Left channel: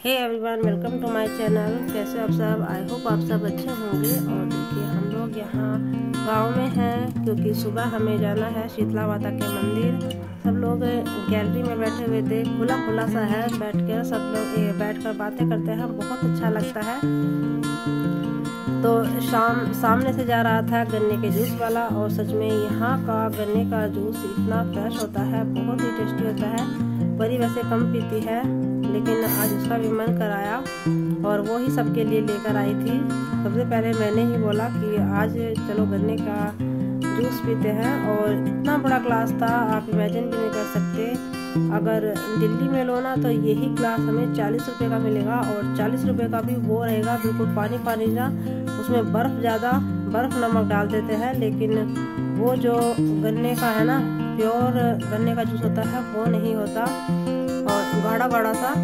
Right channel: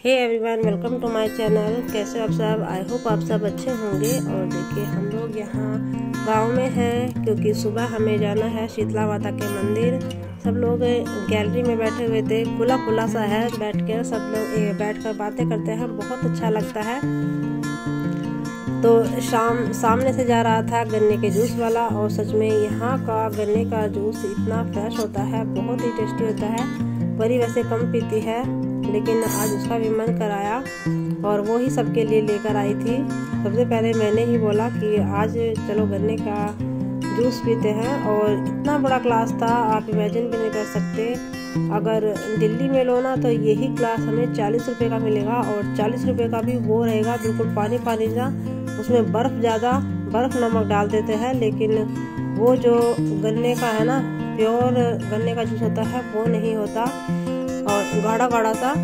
Hey everyone, welcome to my channel. कैसे आप सब? आई होप आप सब अच्छे होंगे। और देखिए, हम लोग यहाँ गांव में हैं क्योंकि सुबह हमें जाना है शीतला माता के मंदिर। सब लोग गैलरी में बैठे हुए थे, खुला खुला सा है, बैठ कर सब लोग बैठकर बातें करते हैं, बहुत अच्छा लगता है। तो सामने से जा रहा था गन्ने के जूस वाला, और सच में यहाँ का गन्ने का जूस इतना फ्रेश होता है, बहुत ही टेस्टी होता है। परी वैसे कम पीती है, लेकिन आज उसका भी मन कराया और वो ही सबके लिए लेकर आई थी। सबसे पहले मैंने ही बोला कि आज चलो गन्ने का जूस पीते हैं, और इतना बड़ा ग्लास था, आप इमेजिन भी नहीं कर सकते। अगर दिल्ली में लो ना तो यही ग्लास हमें 40 रुपये का मिलेगा, और 40 रुपये का भी वो रहेगा बिल्कुल पानी पानी सा। उसमें बर्फ़ नमक डाल देते हैं, लेकिन वो जो गन्ने का है ना, प्योर गन्ने का जूस होता है, वो नहीं होता, और गाढ़ा गाढ़ा सा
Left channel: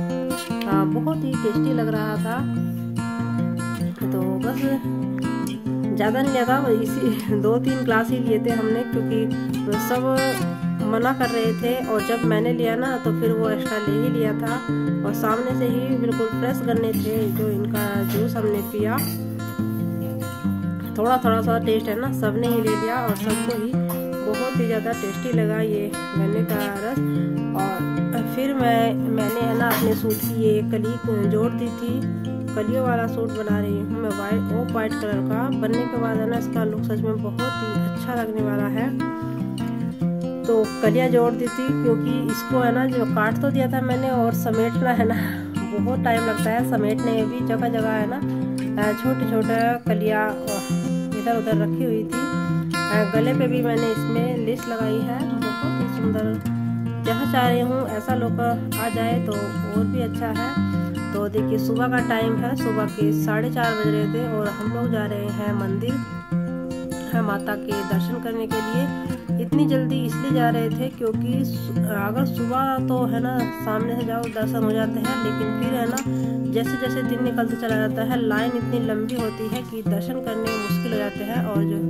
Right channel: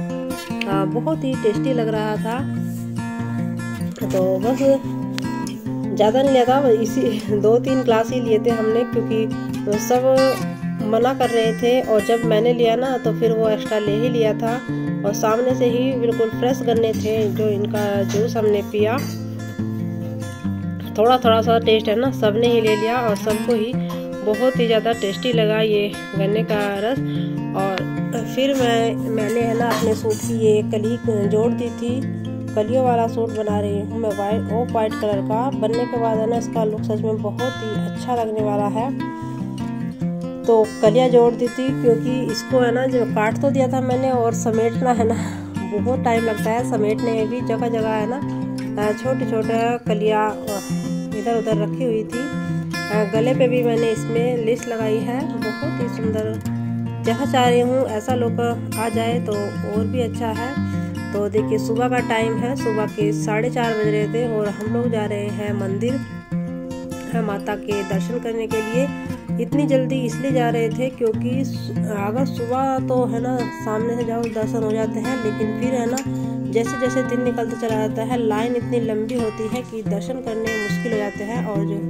बहुत ही टेस्टी लग रहा था। तो बस ज़्यादा नहीं लिया था, इसी 2-3 ग्लास ही लिए थे हमने, क्योंकि सब मना कर रहे थे। और जब मैंने लिया ना तो फिर वो एक्स्ट्रा ले ही लिया था, और सामने से ही बिल्कुल फ्रेश गन्ने थे जो इनका जूस हमने पिया। थोड़ा थोड़ा सा टेस्ट है ना, सब ने ही ले लिया और सबको ही बहुत ही ज़्यादा टेस्टी लगा ये गन्ने का रस। और फिर मैंने है ना अपने सूट की ये कली जोड़ दी थी। कलियों वाला सूट बना रही हूँ मैं, वाइट कलर का। बनने के बाद है ना इसका लुक सच में बहुत ही अच्छा लगने वाला है। तो कलियाँ जोड़ दी थी, क्योंकि इसको है ना जो काट तो दिया था मैंने, और समेटना है ना बहुत टाइम लगता है समेटने में भी। जगह जगह है ना छोटे छोटे कलियाँ इधर उधर रखी हुई थी। गले पे भी मैंने इसमें लेस लगाई है, बहुत ही सुंदर। जहाँ चाह रही हूँ ऐसा लोग आ जाए तो और भी अच्छा है। तो देखिए, सुबह का टाइम है, सुबह के 4:30 बज रहे थे, और हम लोग जा रहे हैं मंदिर माता के दर्शन करने के लिए। इतनी जल्दी इसलिए जा रहे थे क्योंकि अगर सुबह तो है ना सामने से जाओ दर्शन हो जाते हैं, लेकिन फिर है ना जैसे जैसे दिन निकलते चला जाता है, लाइन इतनी लंबी होती है कि दर्शन करने मुश्किल हो जाते हैं। और जो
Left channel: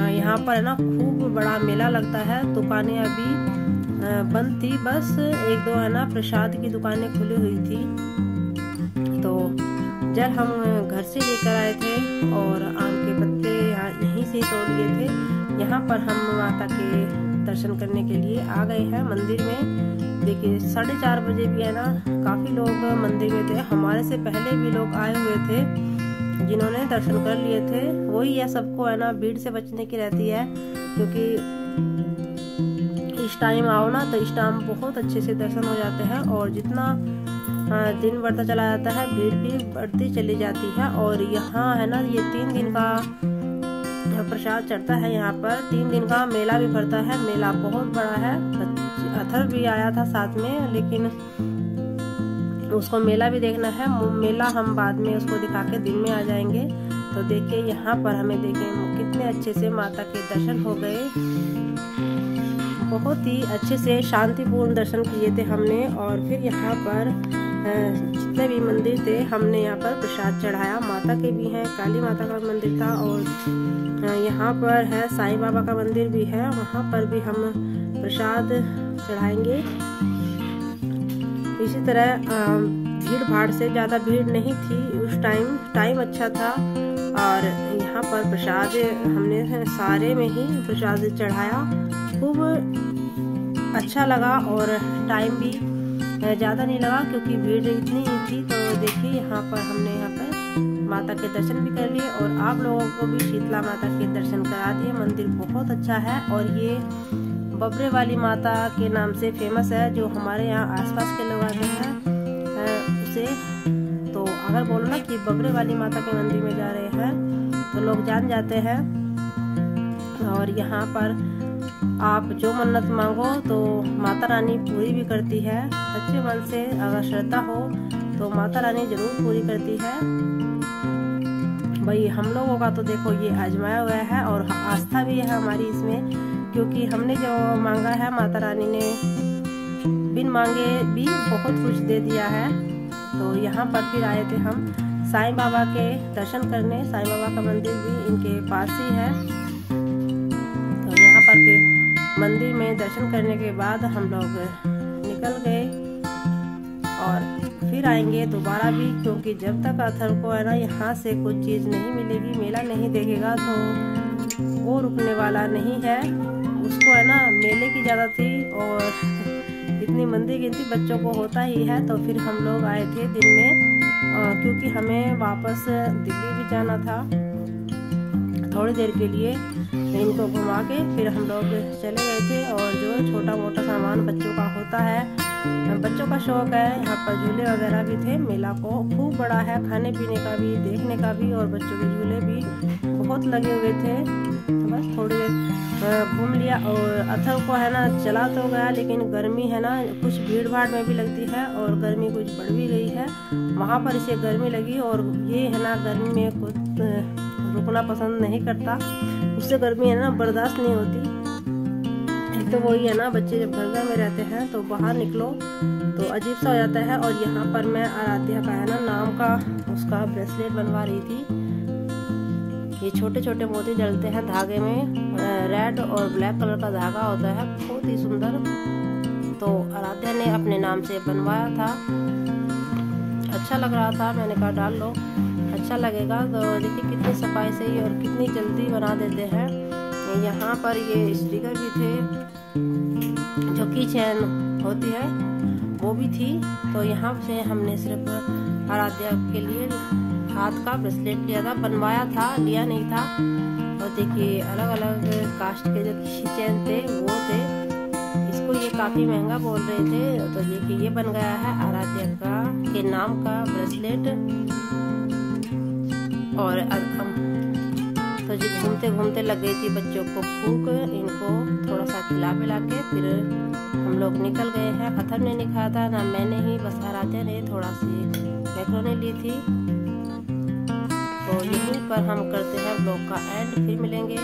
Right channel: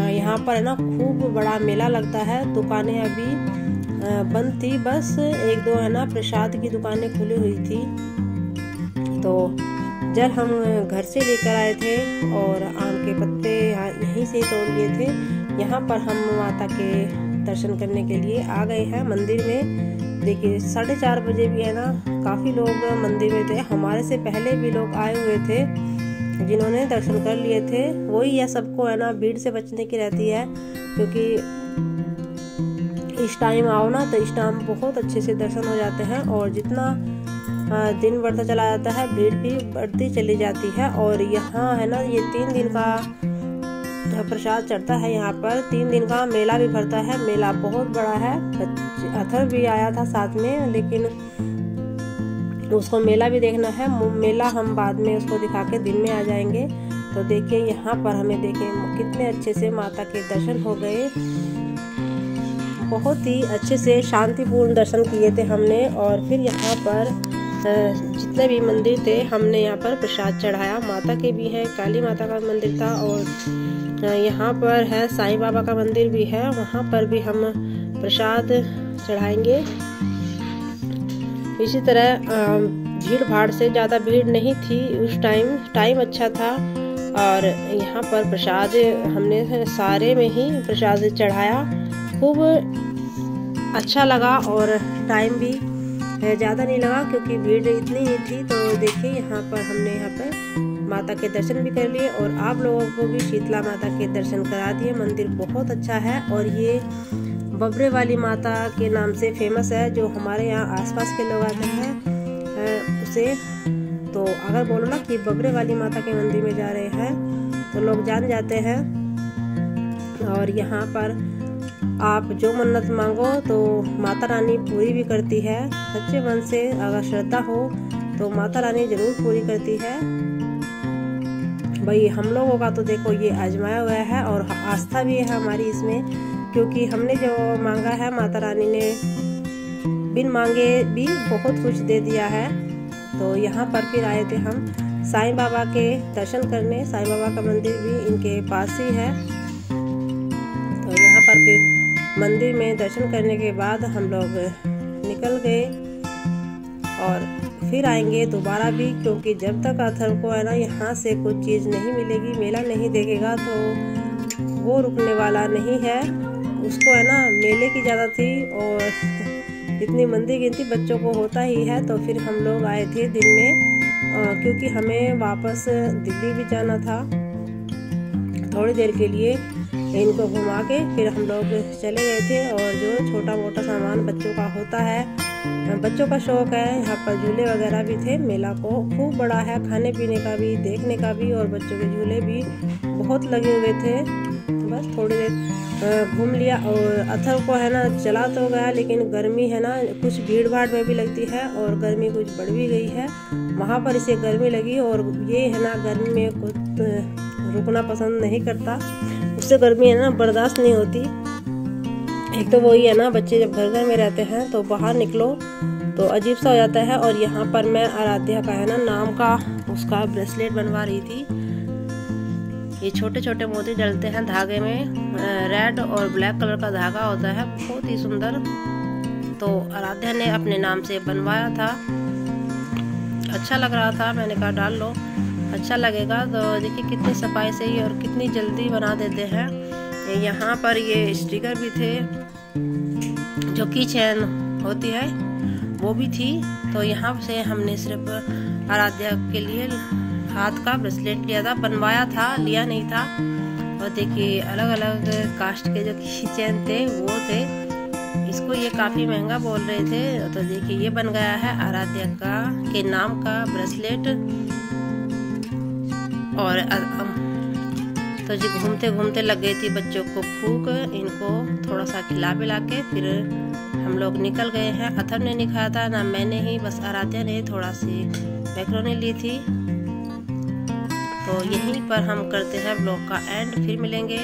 यहाँ पर है ना खूब बड़ा मेला लगता है। दुकानें अभी बंद थी, बस 1-2 है ना प्रसाद की दुकानें खुली हुई थी। तो जल हम घर से लेकर आए थे, और आम के पत्ते यहीं से तोड़ लिए थे। यहाँ पर हम माता के दर्शन करने के लिए आ गए हैं मंदिर में। देखिए, 4:30 बजे भी है ना काफ़ी लोग मंदिर में थे। हमारे से पहले भी लोग आए हुए थे जिन्होंने दर्शन कर लिए थे। वही है, सबको है ना भीड़ से बचने की रहती है, क्योंकि इस टाइम आओ ना तो इस टाइम बहुत अच्छे से दर्शन हो जाते हैं। और जितना दिन बढ़ता चला जाता है, भीड़ भी बढ़ती चली जाती है। और यहाँ है ना ये 3 दिन का प्रसाद चढ़ता है। यहाँ पर 3 दिन का मेला भी भरता है। मेला बहुत बड़ा है। अथर भी आया था साथ में, लेकिन उसको मेला भी देखना है। मेला हम बाद में उसको दिखा के दिन में आ जाएंगे। तो देखिए, यहाँ पर हमें देखें कितने अच्छे से माता के दर्शन हो गए। बहुत ही अच्छे से शांतिपूर्ण दर्शन किए थे हमने। और फिर यहाँ पर जितने भी मंदिर थे हमने यहाँ पर प्रसाद चढ़ाया। माता के भी हैं, काली माता का मंदिर था, और यहाँ पर है साईं बाबा का मंदिर भी है, वहाँ पर भी हम प्रसाद चढ़ाएंगे। इसी तरह भीड़ भाड़ से ज़्यादा भीड़ नहीं थी उस टाइम अच्छा था। और यहाँ पर प्रसाद हमने सारे में ही प्रसाद चढ़ाया, खूब अच्छा लगा। और टाइम भी ज़्यादा नहीं लगा क्योंकि भीड़ इतनी ही थी। तो देखिए, यहाँ पर हमने यहाँ पर माता के दर्शन भी कर लिए, और आप लोगों को भी शीतला माता के दर्शन करा दिए। मंदिर बहुत अच्छा है, और ये बबरे वाली माता के नाम से फेमस है। जो हमारे यहाँ आसपास के लोग आते हैं उसे तो अगर बोलो ना कि बबरे वाली माता के मंदिर में जा रहे हैं तो लोग जान जाते हैं। और यहाँ पर आप जो मन्नत मांगो तो माता रानी पूरी भी करती है। सच्चे मन से अगर श्रद्धा हो तो माता रानी ज़रूर पूरी करती है। भाई, हम लोगों का तो देखो ये आजमाया हुआ है, और आस्था भी है हमारी इसमें, क्योंकि हमने जो मांगा है माता रानी ने बिन मांगे भी बहुत कुछ दे दिया है। तो यहाँ पर फिर आए थे हम साईं बाबा के दर्शन करने। साईं बाबा का मंदिर भी इनके पास ही है। तो यहाँ पर फिर मंदिर में दर्शन करने के बाद हम लोग निकल गए, और फिर आएंगे दोबारा भी, क्योंकि जब तक अथर्व को है ना यहाँ से कुछ चीज़ नहीं मिलेगी, मेला नहीं देखेगा, तो वो रुकने वाला नहीं है। उसको है ना मेले की ज़्यादा थी और इतनी मंदी गिनती बच्चों को होता ही है। तो फिर हम लोग आए थे दिन में, क्योंकि हमें वापस दिल्ली भी जाना था। थोड़ी देर के लिए इनको घुमा के फिर हम लोग चले गए थे। और जो छोटा मोटा सामान बच्चों का होता है, बच्चों का शौक़ है, यहाँ पर झूले वगैरह भी थे। मेला को खूब बड़ा है, खाने पीने का भी, देखने का भी, और बच्चों के झूले भी बहुत लगे हुए थे। बस थोड़ी देर घूम लिया। और अथर्व को है ना चला तो गया, लेकिन गर्मी है ना कुछ भीड़ भाड़ में भी लगती है और गर्मी कुछ बढ़ भी गई है। वहाँ पर इसे गर्मी लगी और ये है ना गर्मी में कुछ रुकना पसंद नहीं करता, उससे गर्मी है ना बर्दाश्त नहीं होती। एक तो वही है ना, बच्चे जब घर घर में रहते हैं तो बाहर निकलो तो अजीब सा हो जाता है। और यहाँ पर मैं आराध्या का है ना नाम का उसका ब्रेसलेट बनवा रही थी। ये छोटे छोटे मोती डलते हैं धागे में, रेड और ब्लैक कलर का धागा होता है, बहुत ही सुंदर। तो आराध्या ने अपने नाम से बनवाया था, अच्छा लग रहा था, मैंने कहा डाल लो, अच्छा लगेगा। तो देखिए कितनी सफाई से और कितनी जल्दी बना देते हैं। यहाँ पर ये स्टिकर भी थे, जो की चैन होती है वो भी थी। तो यहाँ से हमने सिर्फ आराध्या के लिए हाथ का ब्रेसलेट लिया था, बनवाया था, लिया नहीं था। और देखिए अलग अलग कास्ट के जो की चैन थे वो थे। इसको ये काफ़ी महंगा बोल रहे थे। तो देखिए ये बन गया है आराध्या का के नाम का ब्रेसलेट। और तो जी घूमते घूमते लग गई थी बच्चों को भूख, इनको थोड़ा सा खिला पिला के फिर हम लोग निकल गए हैं। अथर्व ने नहीं खाया था ना मैंने ही, बस आराध्या ने थोड़ा सी मैक्रोनी ली थी। तो यहीं पर हम करते हैं ब्लॉग का एंड, फिर मिलेंगे।